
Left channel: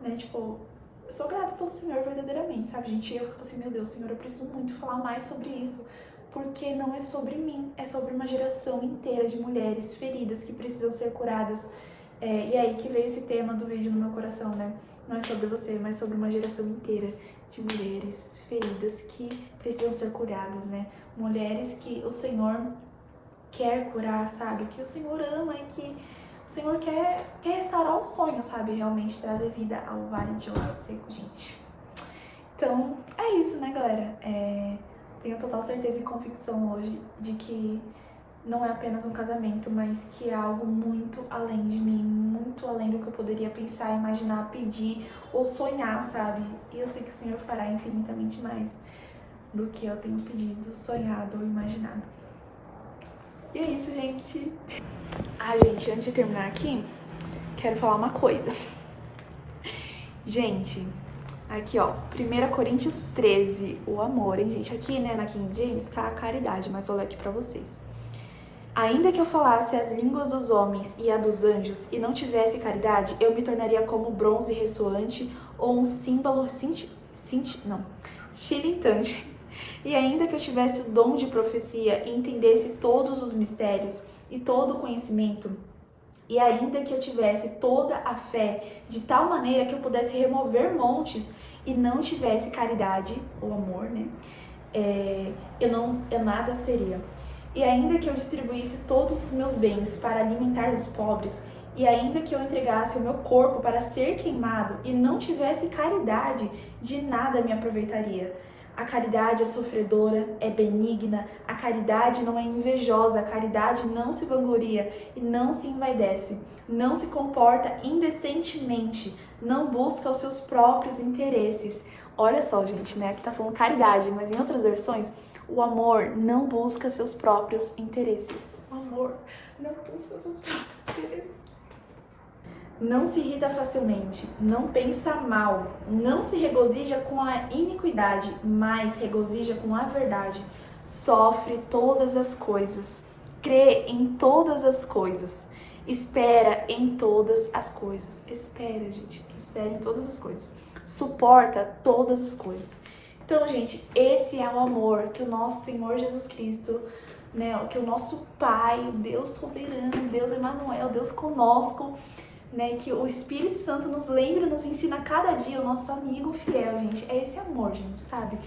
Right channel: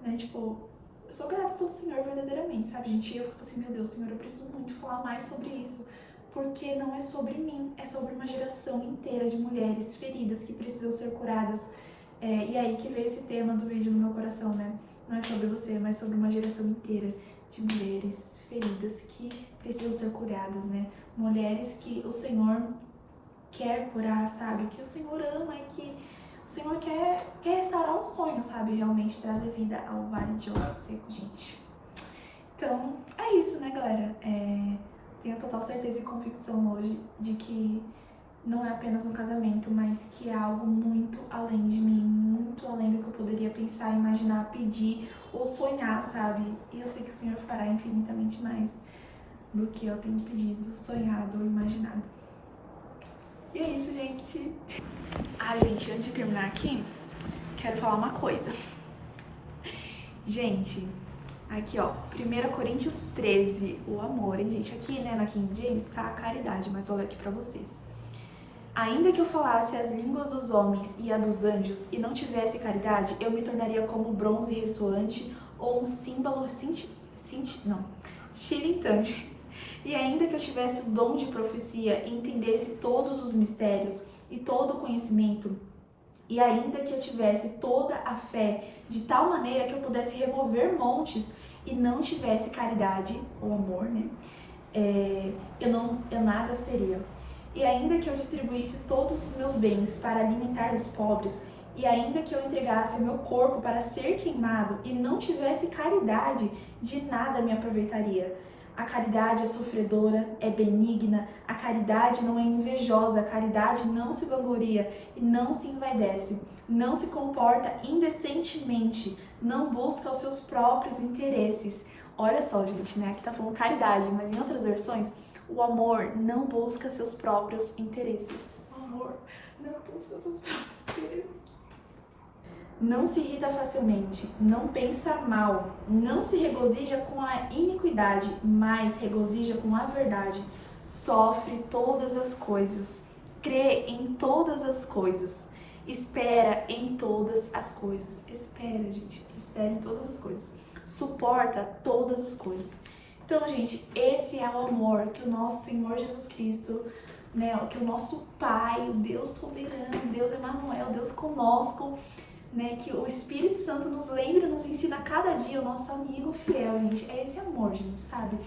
né, tipo, eu sou grata pelo Senhor verdadeiramente, sabe, gente? E eu fico assim, meu Deus, Senhor, eu preciso muito falar mais sobre isso, porque não é sobre mim, é sobre uma geração inteira de mulheres feridas que precisam ser curadas. E aí que veio esse tema do vídeo no meu coração, né? Não é sobre você, mas sobre uma geração inteira de mulheres feridas que precisam ser curadas, né? Mulheres que o Senhor quer curar, sabe? Que o Senhor ama e que o Senhor quer restaurar o sonho, sabe? Realmente trazer vida ao vale de osso seco, gente. Então, é isso, né, galera? Tenho total certeza e convicção hoje de que não é apenas um casamento, mas que é algo muito além de mim, muito além do que eu poderia pensar, imaginar, pedir ou sonhar, sabe? E eu sei que o Senhor fará infinitamente mais do que eu tenho pedido, sonhado ou imaginado. E é isso, gente. Gente, antes de terminar aqui, quero falar uma coisa. Gente, aqui ó, 1 Coríntios 13, o amor, hein, gente? Aqui, né, na King James tá a caridade, mas vou ler aqui pra vocês. Ainda que eu falasse as línguas dos homens e a dos anjos e não tivesse caridade, eu me tornaria como bronze ressoante ou um símbolo titilante. E ainda que eu tivesse o dom de profecia e entendesse todos os mistérios e todo o conhecimento, e ainda que eu tivesse toda a fé de tal maneira que eu pudesse remover montes e não tivesse caridade, ou amor, né? Eu nada seria. E ainda que eu distribuísse todos os meus bens para alimentar os pobres, e ainda que eu entregasse o meu corpo para ser queimado e não tivesse caridade, de nada me aproveitaria. A caridade é sofredora, é benigna, a caridade não é invejosa, a caridade não se vangloria e não se envaidece, não se comporta indecentemente, não busca os seus próprios interesses. Olha só, gente, né? Aqui tá falando caridade, mas em outras versões, o amor não busca seus próprios interesses. O amor não busca seus próprios interesses. Não se irrita facilmente, não pensa mal, não se regozija com a iniquidade, mas regozija com a verdade. Sofre todas as coisas, crê em todas as coisas, espera em todas as coisas. Espera, gente, espera em todas as coisas. Suporta todas as coisas. Então, gente, esse é o amor que o nosso Senhor Jesus Cristo, né, que o nosso Pai, o Deus soberano, Deus Emanuel, Deus conosco, né, que o Espírito Santo nos lembra, nos ensina cada dia, o nosso amigo fiel, gente. É esse amor, gente, sabe?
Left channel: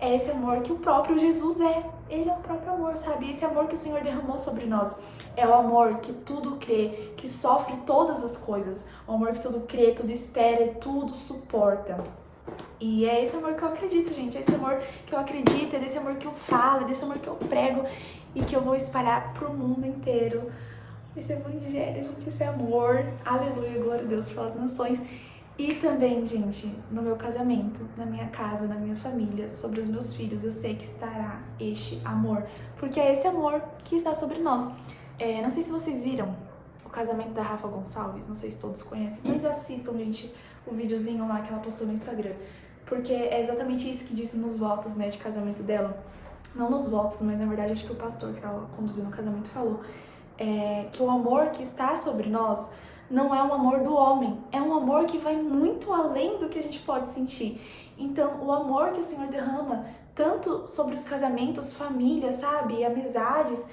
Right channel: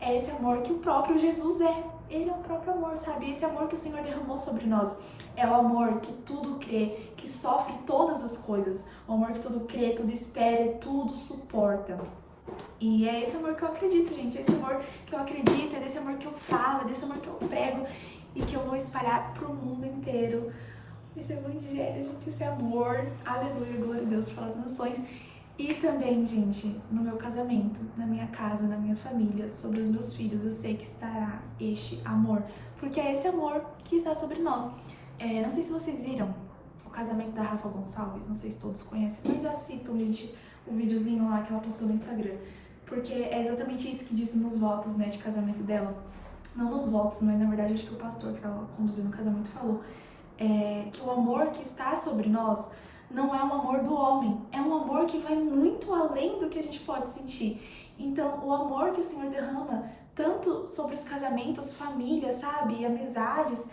É esse amor que o próprio Jesus é. Ele é o próprio amor, sabe? Esse amor que o Senhor derramou sobre nós. É o amor que tudo crê, que sofre todas as coisas. O amor que tudo crê, tudo espera e tudo suporta. E é esse amor que eu acredito, gente. É esse amor que eu acredito, é desse amor que eu falo, é desse amor que eu prego e que eu vou espalhar pro mundo inteiro. Esse evangelho, gente, esse amor. Aleluia, glória a Deus pelas nações. E também, gente, no meu casamento, na minha casa, na minha família, sobre os meus filhos, eu sei que estará este amor. Porque é esse amor que está sobre nós. Não sei se vocês viram o casamento da Rafa Gonçalves, não sei se todos conhecem, mas assistam, gente, o videozinho lá que ela postou no Instagram. Porque é exatamente isso que disse nos votos, né, de casamento dela. Não nos votos, mas na verdade acho que o pastor que estava conduzindo o casamento falou que o amor que está sobre nós não é um amor do homem, é um amor que vai muito além do que a gente pode sentir. Então, o amor que o Senhor derrama, tanto sobre os casamentos, famílias, sabe, amizades,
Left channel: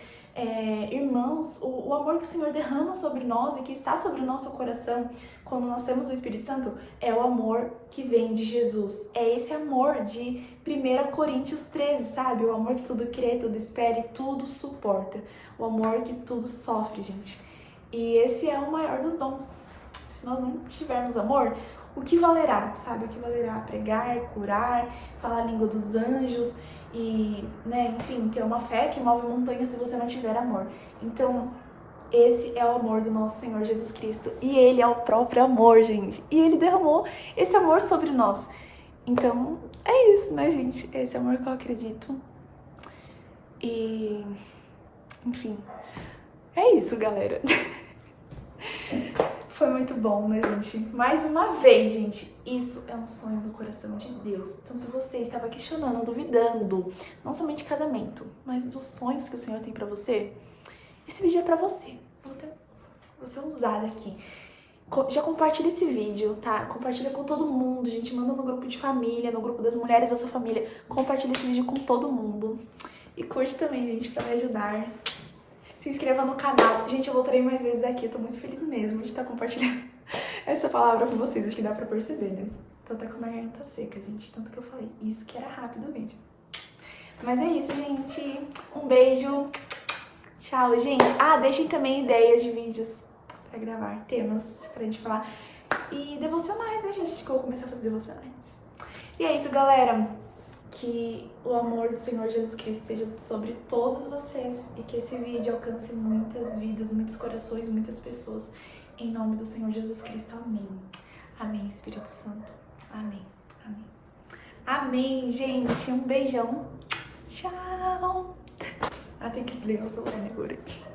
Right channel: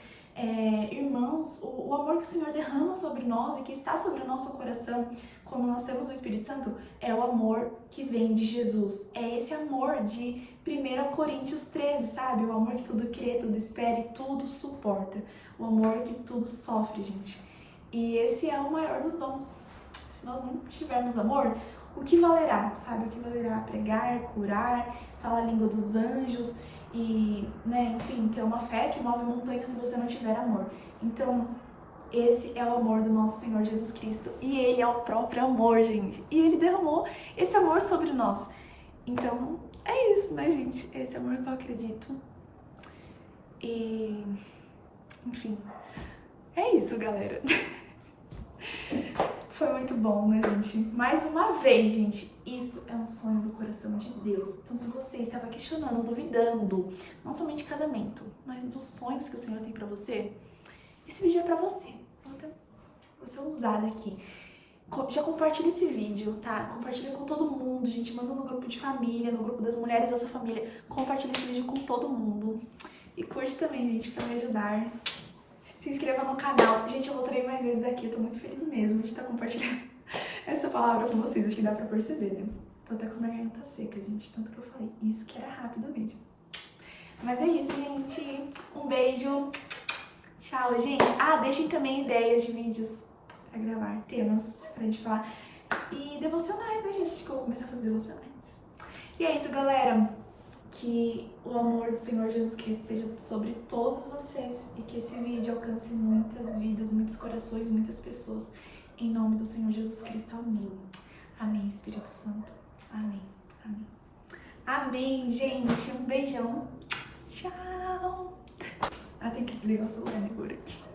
irmãos, o amor que o Senhor derrama sobre nós e que está sobre o nosso coração quando nós temos o Espírito Santo, é o amor que vem de Jesus. É esse amor de 1 Coríntios 13, sabe? O amor que tudo crê, tudo espera e tudo suporta. O amor que tudo sofre, gente. E esse é o maior dos dons. Se nós não tivermos amor, o que valerá, sabe? O que valerá pregar, curar, falar a língua dos anjos e, né, enfim, ter uma fé que move montanhas se você não tiver amor. Então, esse é o amor do nosso Senhor Jesus Cristo. E Ele é o próprio amor, gente. E Ele derramou esse amor sobre nós. Então, é isso, né, gente? É esse amor que eu acredito. E, enfim, é isso, galera. Foi muito bom, né, gente? Mais uma vez, gente, isso é um sonho do coração de Deus. Então, se você estava questionando, duvidando, não somente de casamento, mas dos sonhos que o Senhor tem pra você, esse vídeo é pra você. Você usar aqui. Já compartilha esse vídeo, tá? Compartilha com todo mundo, gente. Manda no grupo de família, no grupo das mulheres da sua família. Compartilha esse vídeo com todo mundo. E curte também, gente, pra me ajudar. Se inscreva no canal. Gente, eu voltarei mais vezes aqui. Eu tô muito feliz mesmo de estar compartilhando essa palavra com vocês. Acho que dá pra perceber, né? Tô até com a minha garganta seca, gente. Tanto que eu falei. Isso que era rápido mesmo. Mas é isso, gente. Um beijo. Tchau, gente. Deixem também ideias de vídeos pra gravar, temas pra gente falar. E devocionais, né, gente? Que eu vou começar a fazer devocionais. E é isso, galera. Que o amor do Senhor Jesus Cristo seja sobre todos vocês e que esse vídeo alcance muitas vidas, muitos corações, muitas pessoas. Em nome do Senhor Jesus Cristo. Amém. Amém, Espírito Santo. Amém. Amém. Amém, gente. Um beijão. Tchau. Tem que desligar o celular agora aqui.